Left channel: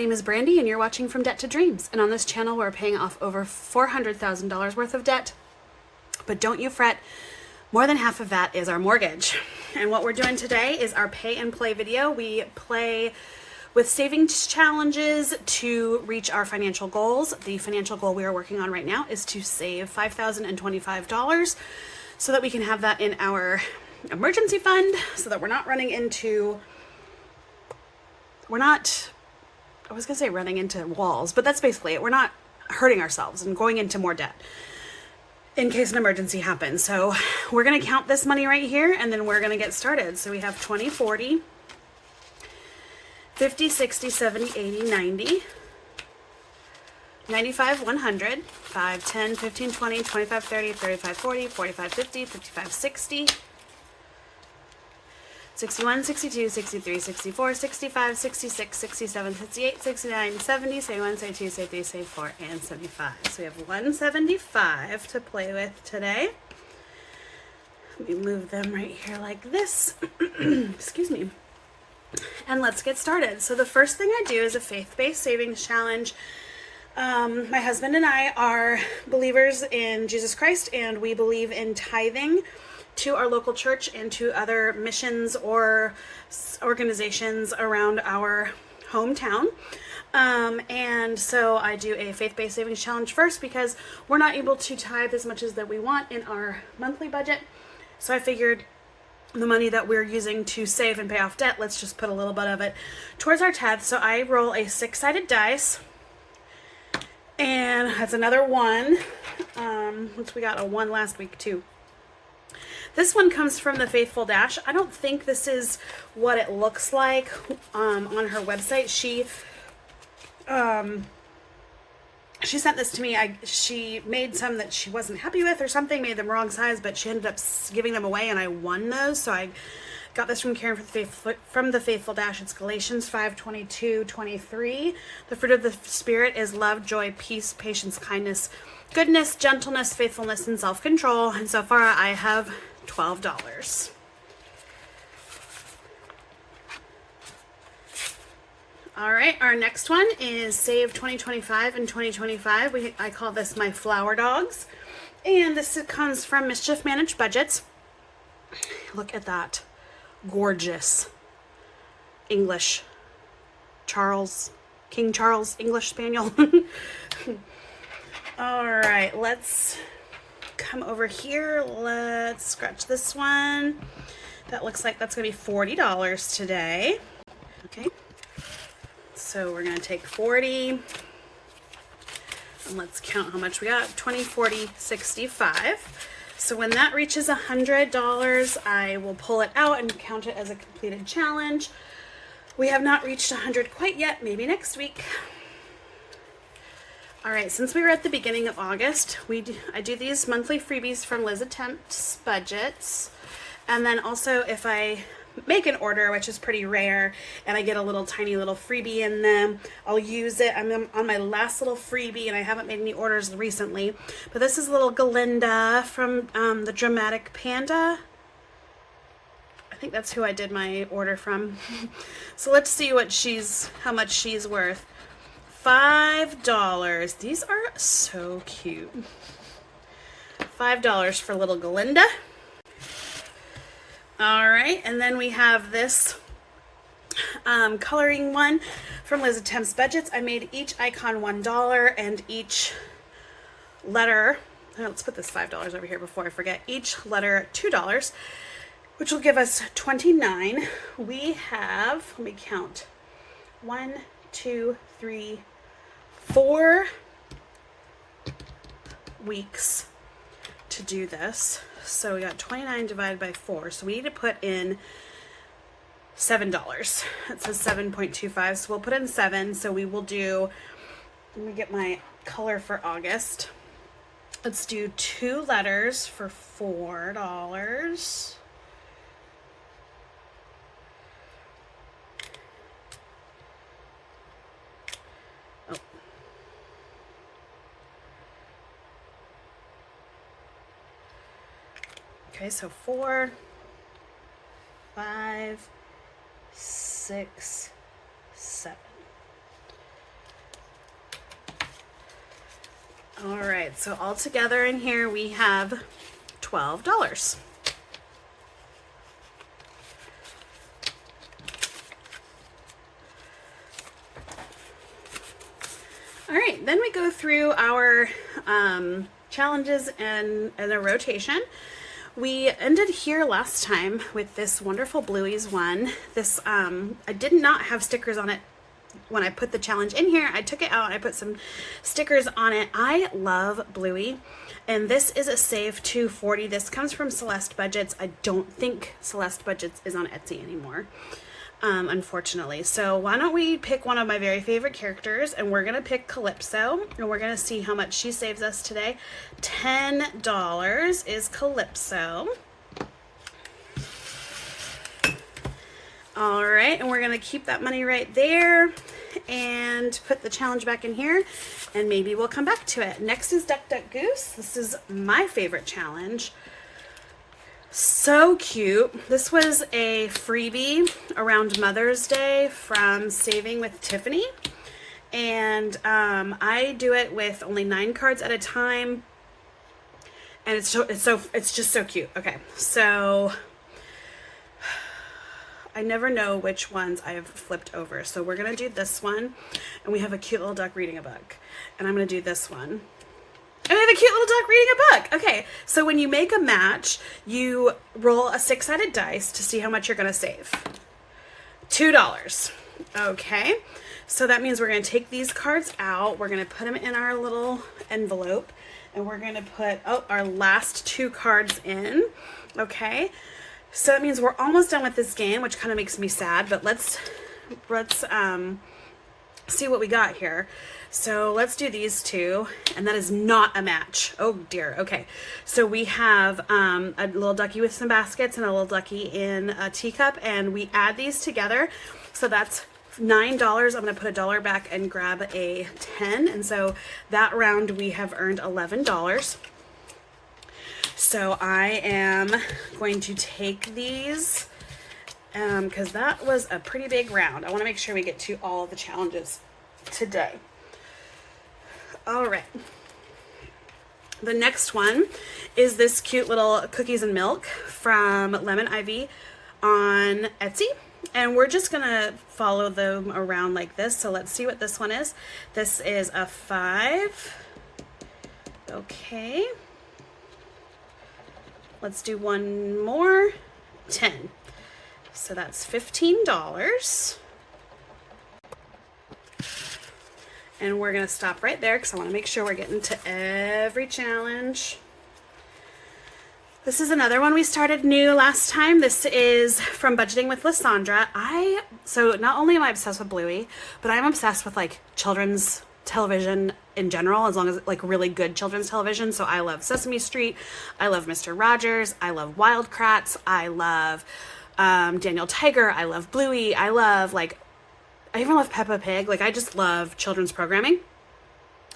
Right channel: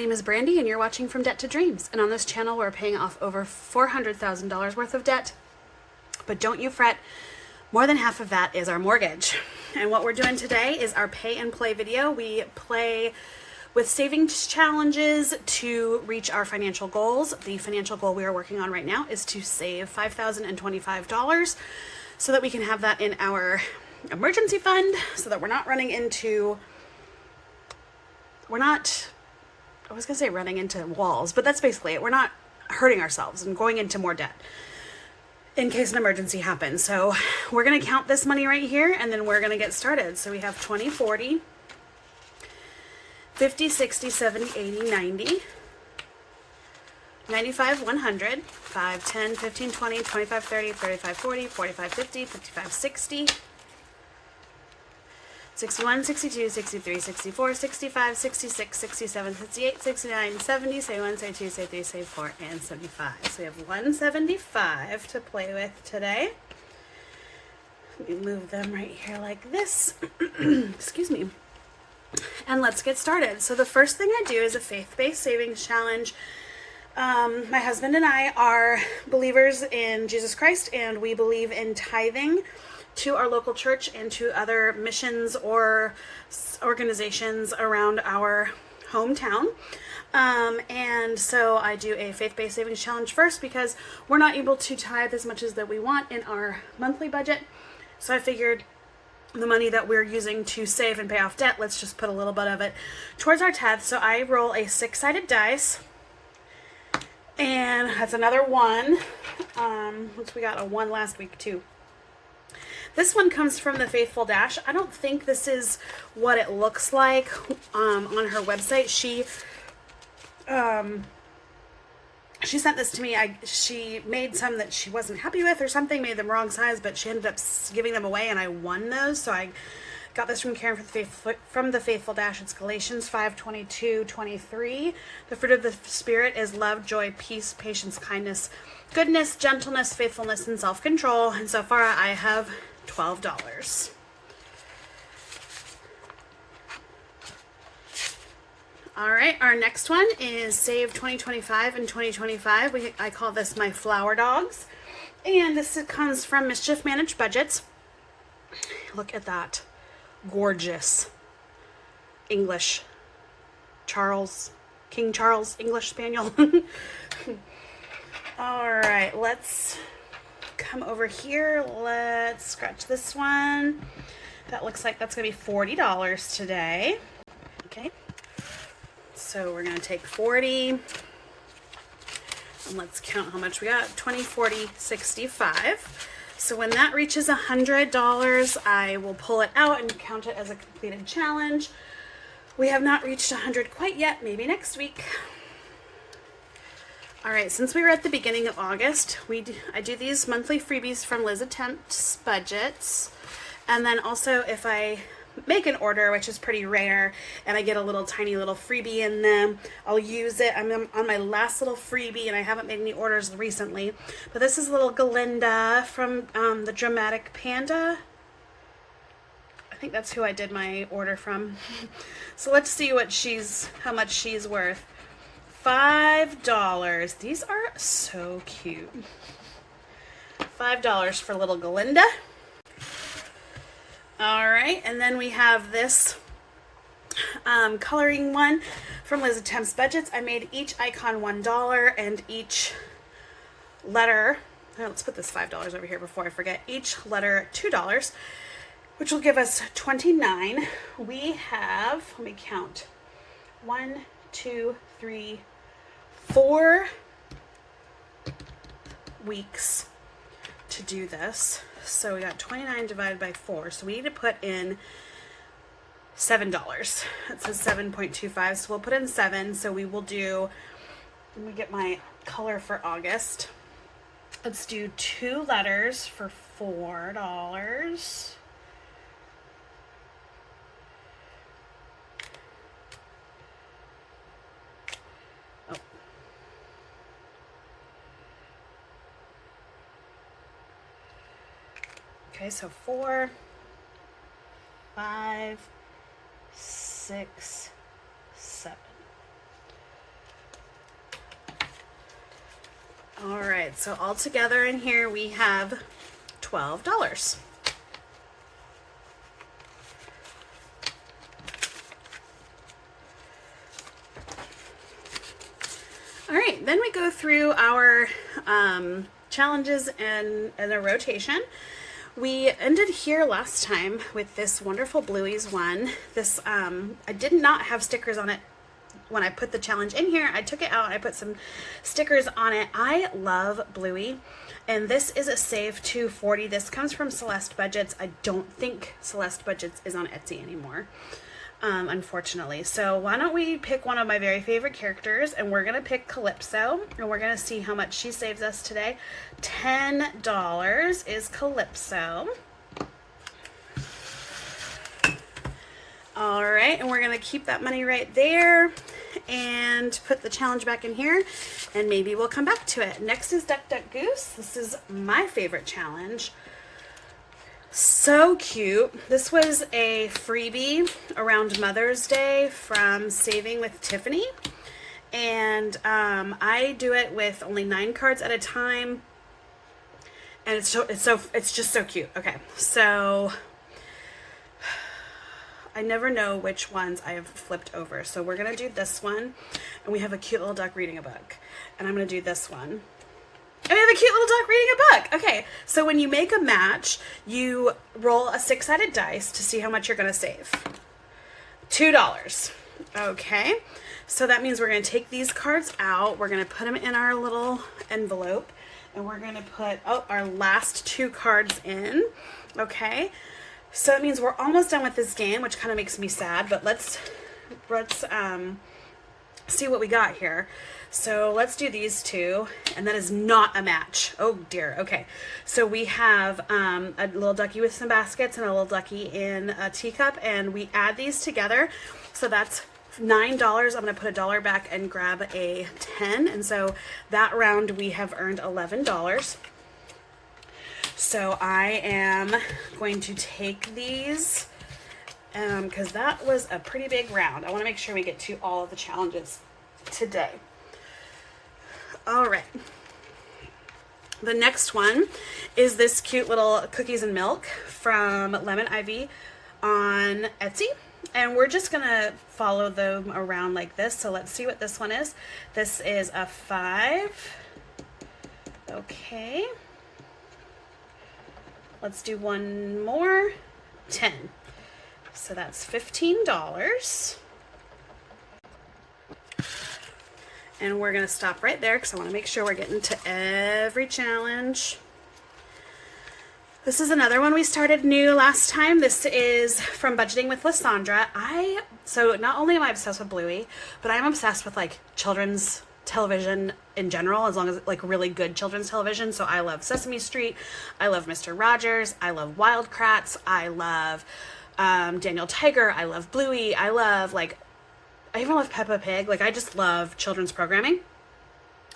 name is Brandy and you're watching From Debt to Dreams. And on this channel, we're paying off over $400,000 worth of debt. But don't you fret, more than half of that is our mortgage. And what we're doing today is our pay and play video. We play with savings challenges to reach our financial goals. The financial goal we are working on right now is to save $5,025 so that we can have that in our emergency fund, so that we're not running into, I was gonna say running into walls, but that's basically it. We're not hurting ourselves and going into more debt in case an emergency happens. So we're gonna count this money right here and then we're gonna get started. So we have 20, 40, 50, 60, 70, 80, 90, 95, 100, 5, 10, 15, 20, 25, 30, 35, 40, 45, 50, 55, 60, 61, 62, 63, 64, 65, 66, 67, 68, 69, 70, 71, 72, 73, 74, and 75. So we have 175 to play with today. Let me move them right here like this. Excuse me. And let's get started. So the first thing I do is a faith-based savings challenge. My husband and I are believers in Jesus Christ, and we believe in tithing to our local church and to other missions or organizations around our hometown. And so I do a faith-based savings challenge first because we're not able to tithe as much as that we want in our monthly budget. So I figured the money that we're using to save and pay off debt, let's just put a little bit of it towards our tithe. So I roll a 6-sided dice, and that's another one, which we got a 1 last week too. This one comes from the Faithful Dash. I don't think this is what it looks like on her website. She sent this to me. She made some that she wasn't happy with or something, made them wrong size, but she ended up giving them away, and I won those. So I got this from Karen from the Faithful Dash. It's Galatians 5:22-23. The fruit of the Spirit is love, joy, peace, patience, kindness, goodness, gentleness, faithfulness, and self-control. And so far I have $12. All right, our next one is Save 2025 and 2025. I call this my flower dogs. And this comes from Mischief Managed Budgets. Look at that gorgeous English King Charles English Spaniel. All right, let's come over here. Let's scratch this one. That looks like that's gonna be $40 today. Okay, so we're gonna take 40 and let's count how much we got. 20, 40, 65. So when that reaches $100, I will pull it out and count it as a completed challenge. We have not reached 100 quite yet, maybe next week. All right, since we were at the beginning of August, I do these monthly freebies from Celeste Budgets. And then also if I make an order, which is pretty rare, and I get a little tiny little freebie in them, I'll use it. I'm on my last little freebie and I haven't made any orders recently. But this is little Galinda from the Dramatic Panda. I think that's who I did my order from. So let's see how much she's worth. $5. These are so cute. $5 for little Galinda. All right, and then we have this coloring one from Celeste Budgets. I made each icon $1 and each letter, let's put this $5 over here before I forget, each letter $2, which will give us 29. We have, let me count, 1, 2, 3, 4 weeks to do this. So we got 29 divided by 4. So we need to put in $7. It says 7.25. So we'll put in 7. So we will do, let me get my color for August. Let's do 2 letters for $4. Okay, so 4, 5, 6, 7. All right, so all together in here we have $12. All right, then we go through our challenges in a rotation. We ended here last time with this wonderful Bluey's one. This, I did not have stickers on it when I put the challenge in here. I took it out, I put some stickers on it. I love Bluey, and this is a save $2.40. This comes from Celeste Budgets. I don't think Celeste Budgets is on Etsy anymore, unfortunately. So why don't we pick one of my very favorite characters, and we're gonna pick Calypso, and we're gonna see how much she saves us today. $10 is Calypso. All right, and we're gonna keep that money right there and put the challenge back in here, and maybe we'll come back to it. Next is Duck Duck Goose. This is my favorite challenge. So cute. This was a freebie around Mother's Day from Saving with Tiffany, and I do it with only 9 cards at a time, and it's just so cute. Okay, so I never know which ones I have flipped over. So we're gonna do this one, and we have a cute little duck reading a book, and I'm gonna do this one. And we have a cute little duck reading a book. Okay, so when you make a match, you roll a 6-sided dice to see how much you're gonna save. $2. Okay, so that means we're gonna take these cards out, we're gonna put them in our little envelope, and we're gonna put our last 2 cards in. Okay, so that means we're almost done with this game, which kind of makes me sad, but let's see what we got here. So let's do these 2, and that is not a match. Oh dear. Okay, so we have a little ducky with some baskets and a little ducky in a teacup, and we add these together. So that's $9. I'm gonna put $1 back and grab a 10, and so that round we have earned $11. So I am going to take these because that was a pretty big round. I want to make sure we get to all of the challenges today. All right. The next one is this cute little cookies and milk from Lemon Ivy on Etsy. And we're just going to follow them around like this. So let's see what this one is. This is a 5. Okay. Let's do one more. 10. So that's $15. And we're going to stop right there because I want to make sure we're getting to every challenge. This is another one we started new last time. This is from Budgeting with Lysandra. So not only am I obsessed with Bluey, but I'm obsessed with like children's television in general, as long as like really good children's television. So I love Sesame Street. I love Mr. Rogers. I love Wild Kratts. I love Daniel Tiger. I love Bluey. I even love Peppa Pig. Like, I just love children's programming.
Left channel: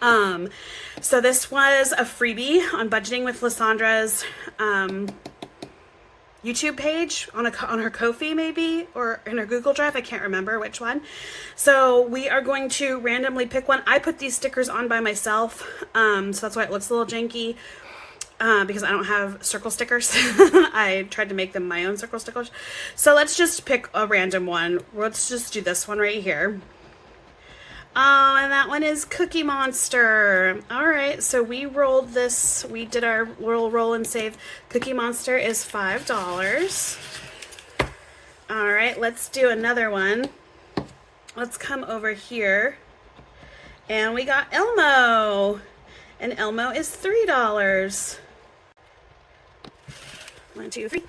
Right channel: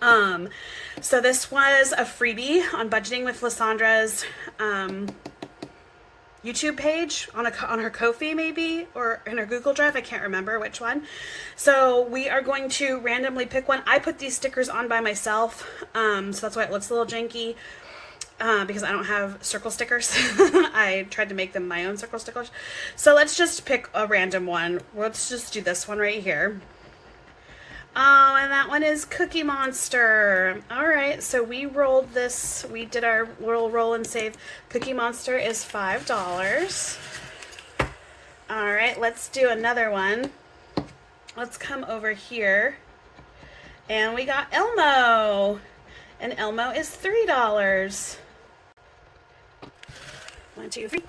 So this was a freebie on Budgeting with Lysandra's YouTube page, on her Ko-fi maybe, or in her Google Drive. I can't remember which one. So we are going to randomly pick one. I put these stickers on by myself, so that's why it looks a little janky. Because I don't have circle stickers. I tried to make them my own circle stickers. So let's just pick a random one. Let's just do this one right here. Oh, and that one is Cookie Monster. All right, so we rolled this. We did our little roll and save. Cookie Monster is $5. All right, let's do another one. Let's come over here. And we got Elmo. And Elmo is $3. 1, 2, 3.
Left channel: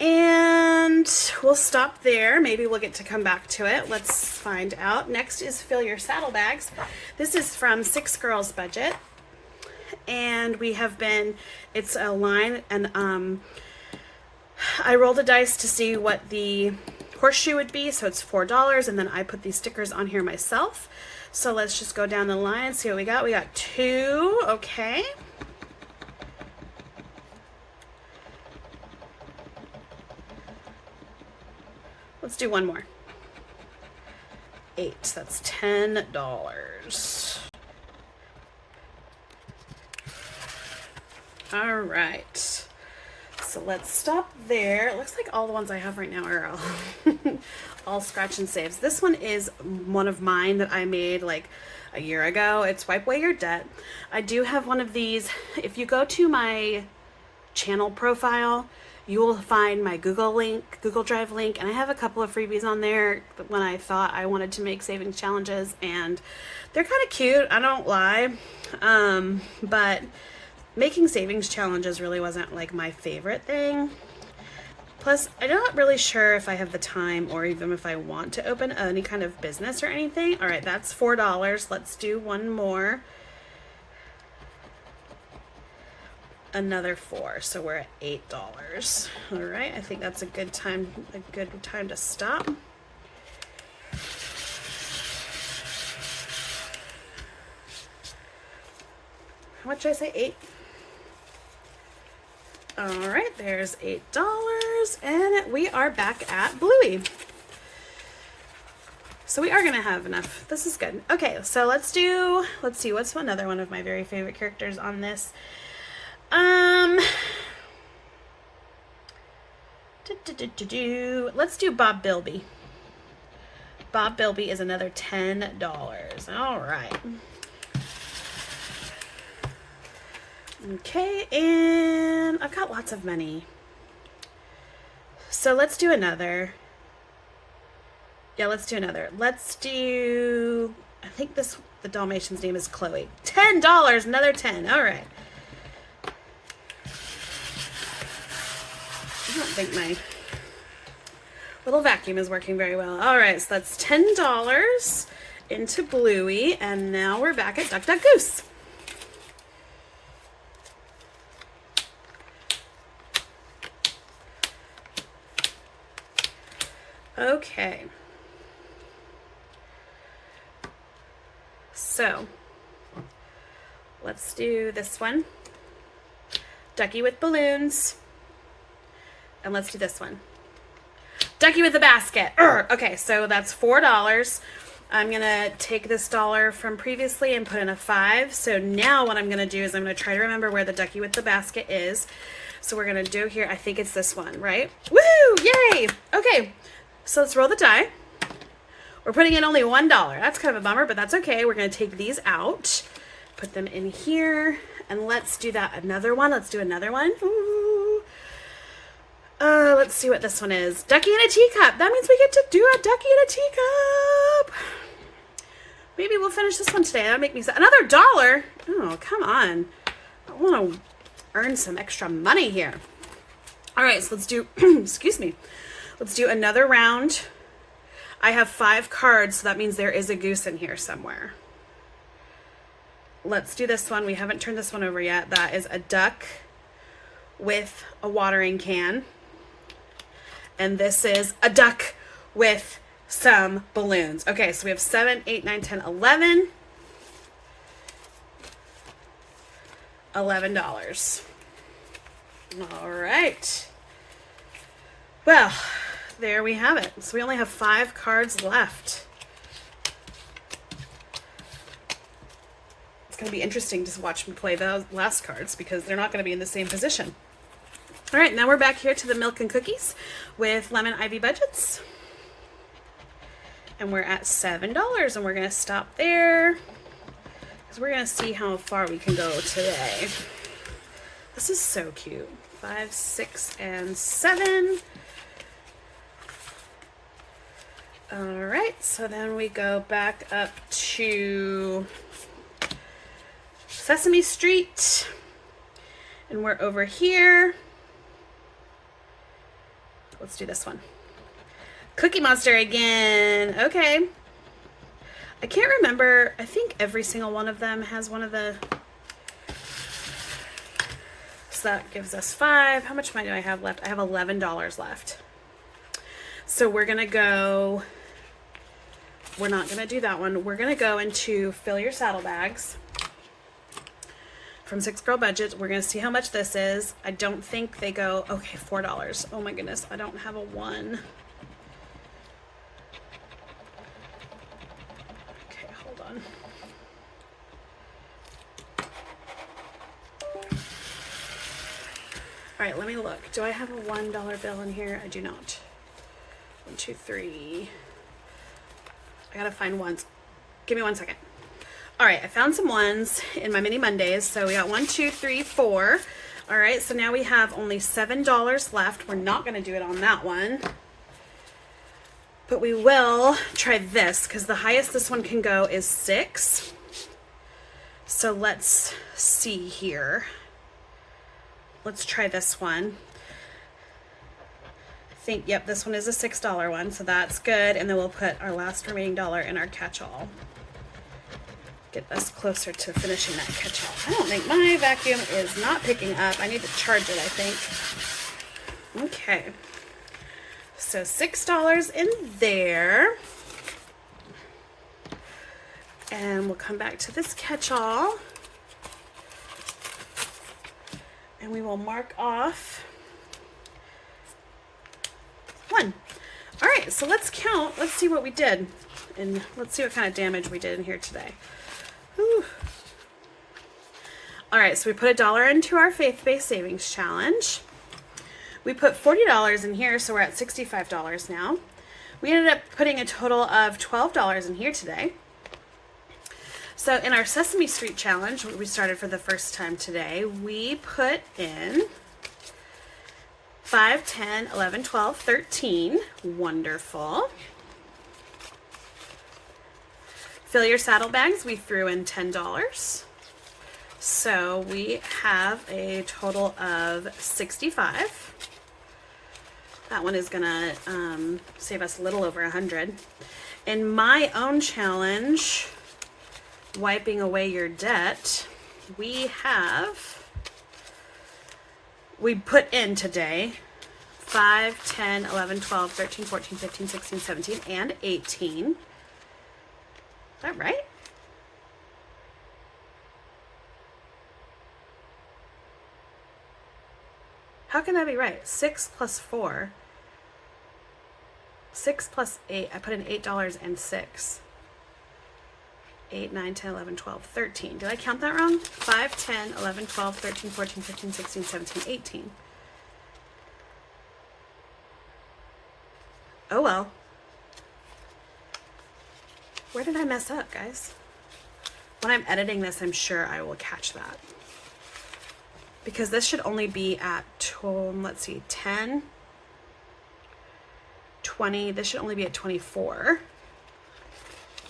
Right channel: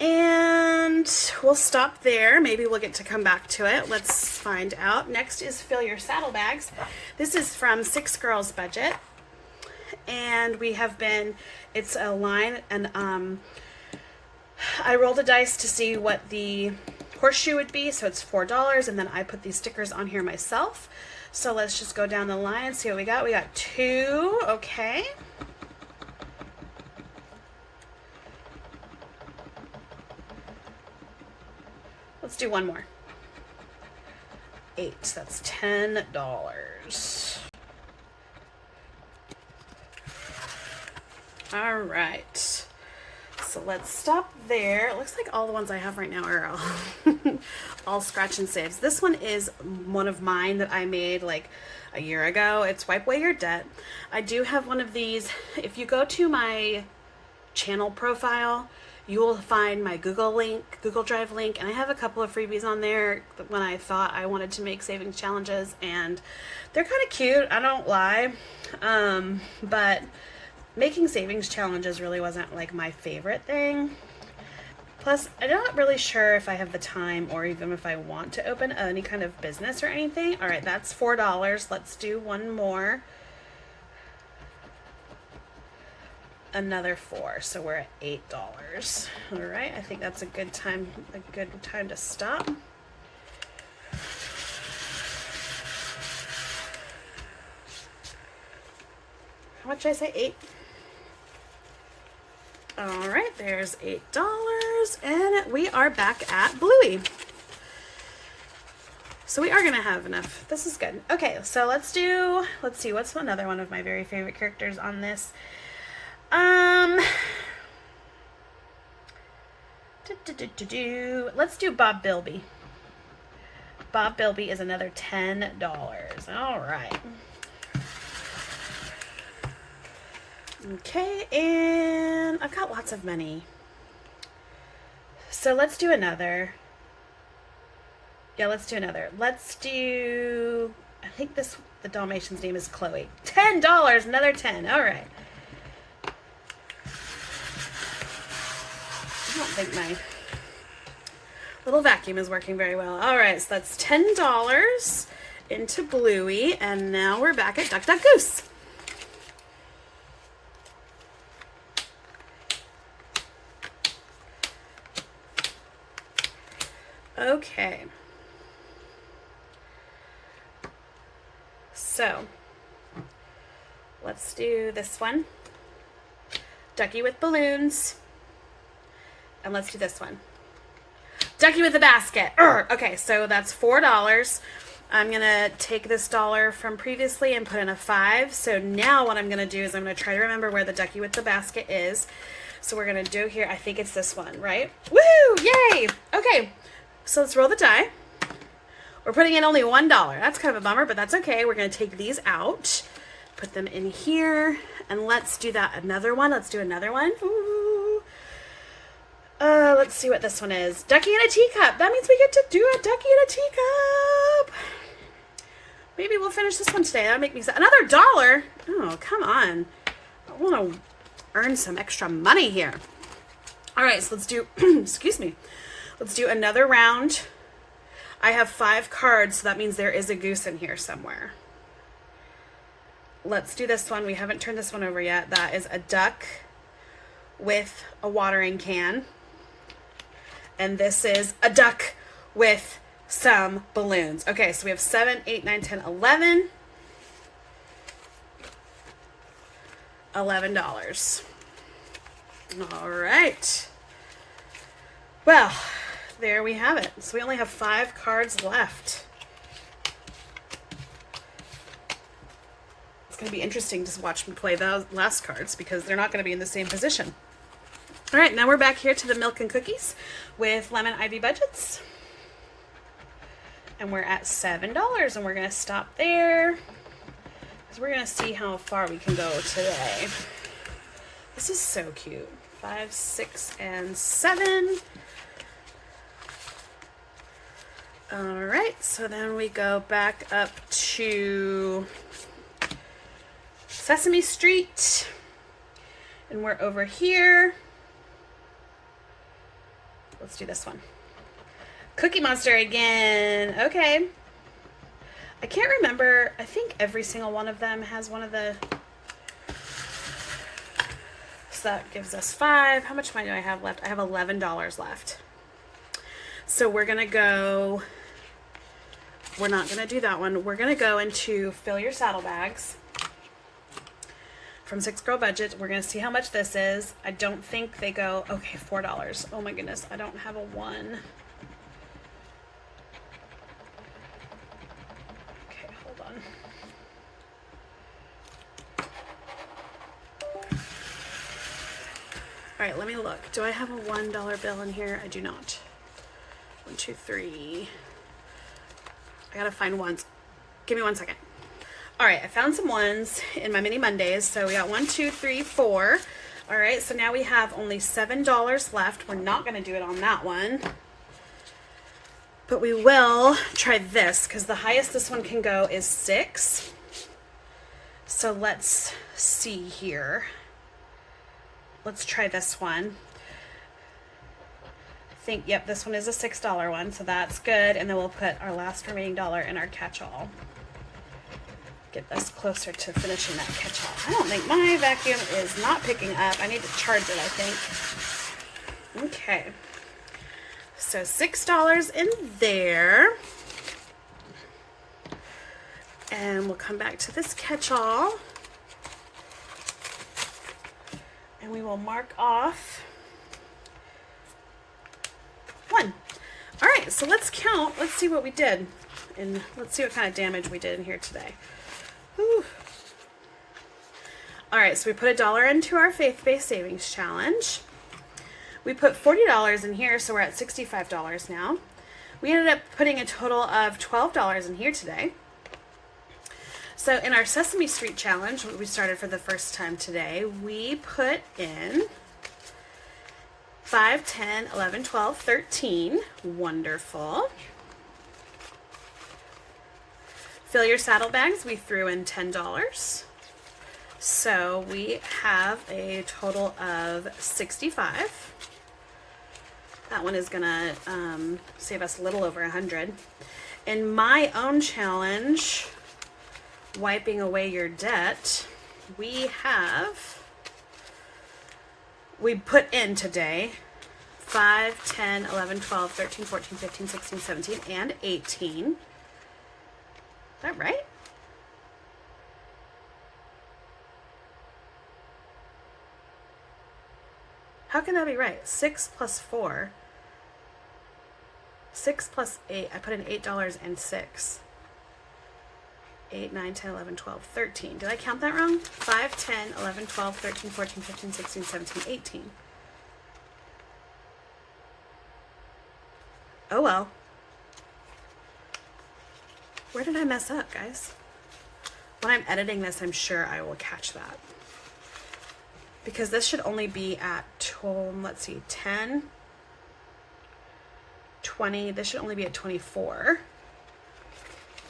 And we'll stop there. Maybe we'll get to come back to it. Let's find out. Next is Fill Your Saddlebags. This is from 6 Girls Budget. And we have been, it's a line, and I rolled a dice to see what the horseshoe would be. So it's $4, and then I put these stickers on here myself. So let's just go down the line and see what we got. We got 2, okay. Let's do one more. 8, that's $10. All right. So let's stop there. It looks like all the ones I have right now are all scratch and saves. This one is one of mine that I made like a year ago. It's Wipe Away Your Debt. I do have one of these. If you go to my channel profile, you will find my Google Drive link, and I have a couple of freebies on there when I thought I wanted to make savings challenges, and they're kind of cute, I don't lie, but making savings challenges really wasn't like my favorite thing. Plus, I'm not really sure if I have the time or even if I want to open any kind of business or anything. All right, that's $4. Let's do one more. Another 4, so we're at $8. All right, I think that's a good time to stop. How much did I say? 8. All right, there's $8, and we are back at Bluey. So we are gonna have enough. This is good. Okay, so let's see, what's another one of my very favorite characters on this? Let's do Bob Bilby. Bob Bilby is another $10. All right. Okay, and I've got lots of money. So let's do another. Yeah, let's do another. Let's do, I think the Dalmatian's name is Chloe. $10, another 10. All right. I don't think my little vacuum is working very well. All right, so that's $10 into Bluey, and now we're back at Duck, Duck, Goose. Okay. So, let's do this one. Ducky with balloons. And let's do this one. Ducky with a basket. Okay, so that's $4. I'm going to take this dollar from previously and put in a 5. So now what I'm going to do is I'm going to try to remember where the ducky with the basket is. So we're going to do here, I think it's this one, right? Woo! Yay! Okay, so let's roll the die. We're putting in only $1. That's kind of a bummer, but that's okay. We're going to take these out, put them in here, and let's do that. Another one. Let's do another one. Ooh. Let's see what this one is. Ducky in a teacup. That means we get to do a ducky in a teacup. Maybe we'll finish this one today. That'll make me sad. Another $1. Oh, come on. I want to earn some extra money here. All right, so let's do, excuse me. Let's do another round. I have 5 cards, so that means there is a goose in here somewhere. Let's do this one. We haven't turned this one over yet. That is a duck with a watering can. And this is a duck with some balloons. Okay, so we have 7, 8, 9, 10, 11. $11. All right. Well, there we have it. So we only have 5 cards left. It's going to be interesting to watch me play the last cards because they're not going to be in the same position. All right, now we're back here to the milk and cookies with LemonIvyBudgets. And we're at $7, and we're going to stop there because we're going to see how far we can go today. This is so cute. 5, 6, and 7. All right, so then we go back up to Sesame Street, and we're over here. Let's do this one. Cookie Monster again. Okay. I can't remember. I think every single one of them has one of the... So that gives us 5. How much money do I have left? I have $11 left. So we're going to go... We're not going to do that one. We're going to go into Fill Your Saddlebags from 6 Girl Budget. We're going to see how much this is. I don't think they go... Okay, $4. Oh my goodness. I don't have a 1. Okay, hold on. right, let me look. Do I have a $1 bill in here? I do not. 1, 2, 3. I gotta find ones. Give me 1 second. All right, I found some ones in my mini Mondays. So we got 1, 2, 3, 4. All right, so now we have only $7 left. We're not gonna do it on that one, but we will try this because the highest this one can go is 6. So let's see here. Let's try this one. Yep, this one is a $6 one, so that's good. And then we'll put our last remaining dollar in our catch-all. Get us closer to finishing that catch-all. I don't think my vacuum is not picking up. I need to charge it, I think. Okay. So $6 in there. And we'll come back to this catch-all. And we will mark off 1. All right, so let's count. Let's see what we did. And let's see what kind of damage we did in here today. Whew. All right, so we put $1 into our faith-based savings challenge. We put $40 in here, so we're at $65 now. We ended up putting a total of $12 in here today. So in our Sesame Street challenge, we started for the first time today, we put in 5, 10, 11, 12, 13. Wonderful. Fill your saddlebags, we threw in $10. So we have a total of 65. That one is gonna save us a little over 100. In my own challenge, wiping away your debt, we put in today 5, 10, 11, 12, 13, 14, 15, 16, 17, and 18. Is that right? How can that be right? 6 plus 4. 6 plus 8. I put in $8 and 6. 8, 9, 10, 11, 12, 13. Did I count that wrong? 5, 10, 11, 12, 13, 14, 15, 16, 17, 18. Oh well. Where did I mess up, guys? When I'm editing this, I'm sure I will catch that. Because this should only be at, let's see, 10, 20. This should only be at 24.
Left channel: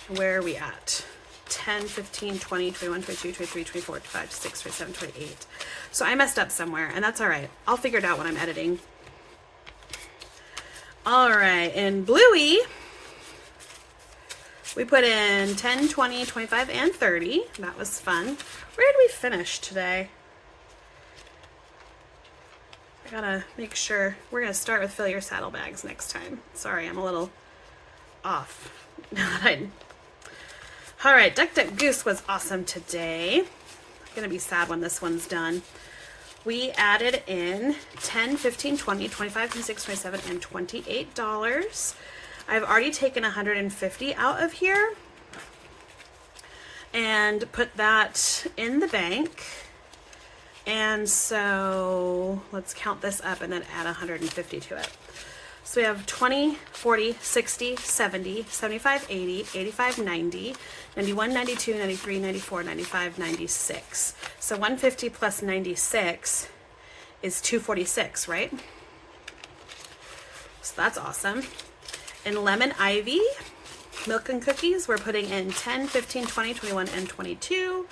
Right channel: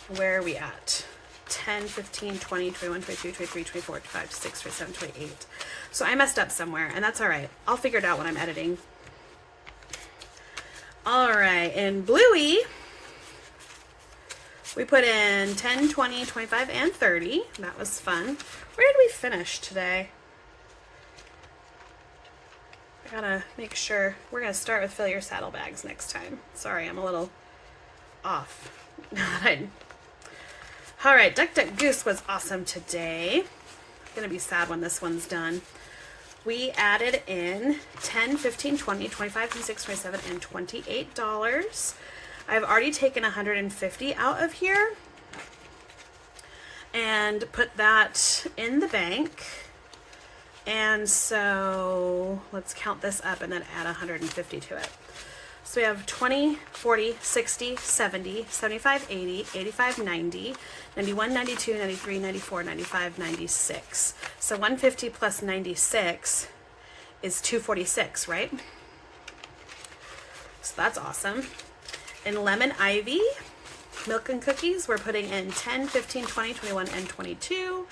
Where are we at? 10, 15, 20, 21, 22, 23, 24, 25, 26, 27, 28. So I messed up somewhere, and that's all right. I'll figure it out when I'm editing. All right, in Bluey, we put in 10, 20, 25, and 30. That was fun. Where did we finish today? I gotta make sure. We're gonna start with fill your saddlebags next time. Sorry, I'm a little off. All right, Duck Duck Goose was awesome today. I'm gonna be sad when this one's done. We added in 10, 15, 20, 25, 26, 27, and $28. I've already taken 150 out of here and put that in the bank. And so let's count this up and then add 150 to it. So we have 20, 40, 60, 70, 75, 80, 85, 90, 91, 92, 93, 94, 95, 96. So 150 plus 96 is 246, right? So that's awesome. In Lemon Ivy, milk and cookies, we're putting in 10, 15, 20, 21, and 22.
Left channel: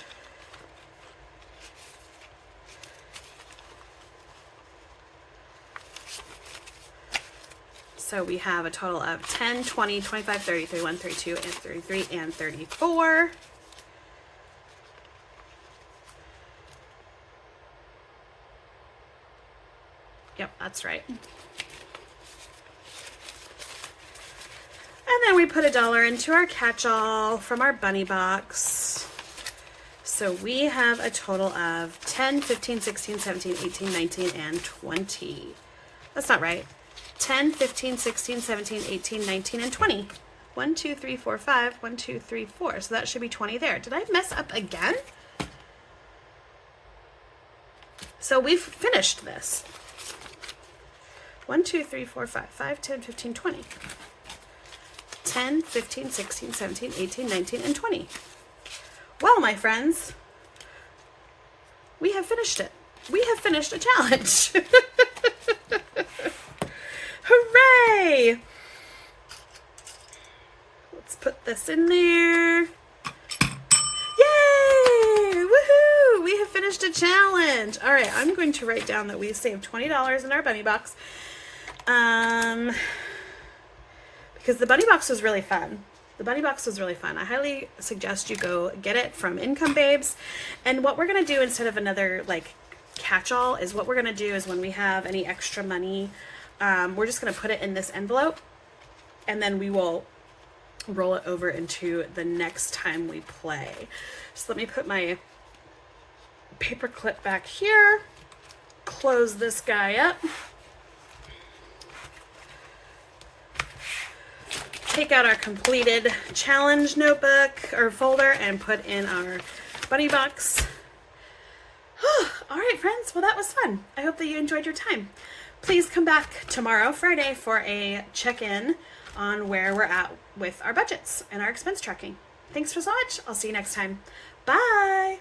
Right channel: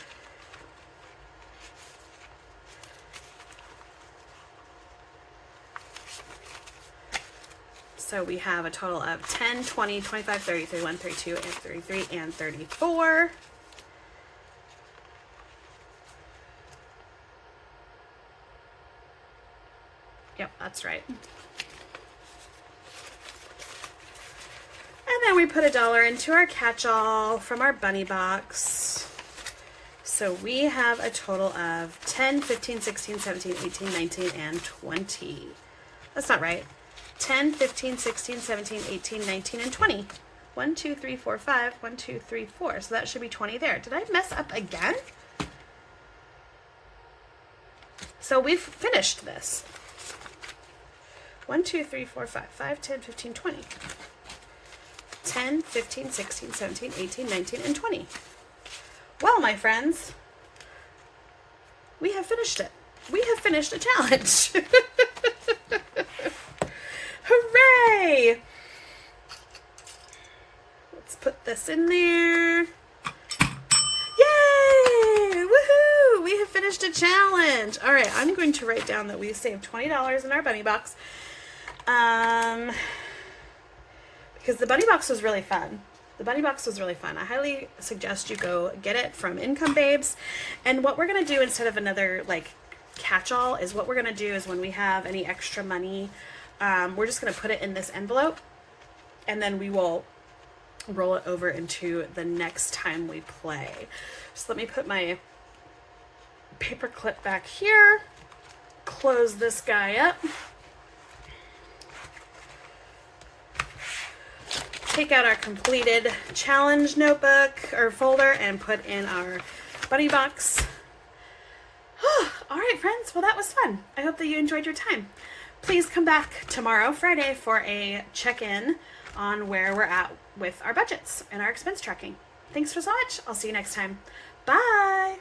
So we have a total of 10, 20, 25, 30, 31, 32, and 33, and 34. Yep, that's right. And then we put $1 into our catch-all from our bunny box. So we have a total of 10, 15, 16, 17, 18, 19, and 20. That's not right. 10, 15, 16, 17, 18, 19, and 20. 1, 2, 3, 4, 5. 1, 2, 3, 4. So that should be 20 there. Did I mess up again? So we've finished this. 1, 2, 3, 4, 5, 5, 10, 15, 20. 10, 15, 16, 17, 18, 19, and 20. Well, my friends, we have finished it. We have finished a challenge. Hooray! Let's put this in there. Yay! Woohoo! We have finished a challenge. All right, I'm going to write down that we saved $20 in our bunny box. Because the bunny box was really fun. The bunny box was really fun. I highly suggest you go get it from Income Babes. And what we're going to do instead of another like catch-all is what we're going to do is when we have any extra money, we're just going to put it in this envelope and then we will roll it over into the next time we play. So let me put my paper clip back here, close this guy up, take out our completed challenge notebook or folder and put in our bunny box. All right, friends. Well, that was fun. I hope that you enjoyed your time. Please come back tomorrow, Friday, for a check-in on where we're at with our budgets and our expense tracking. Thanks so much. I'll see you next time. Bye.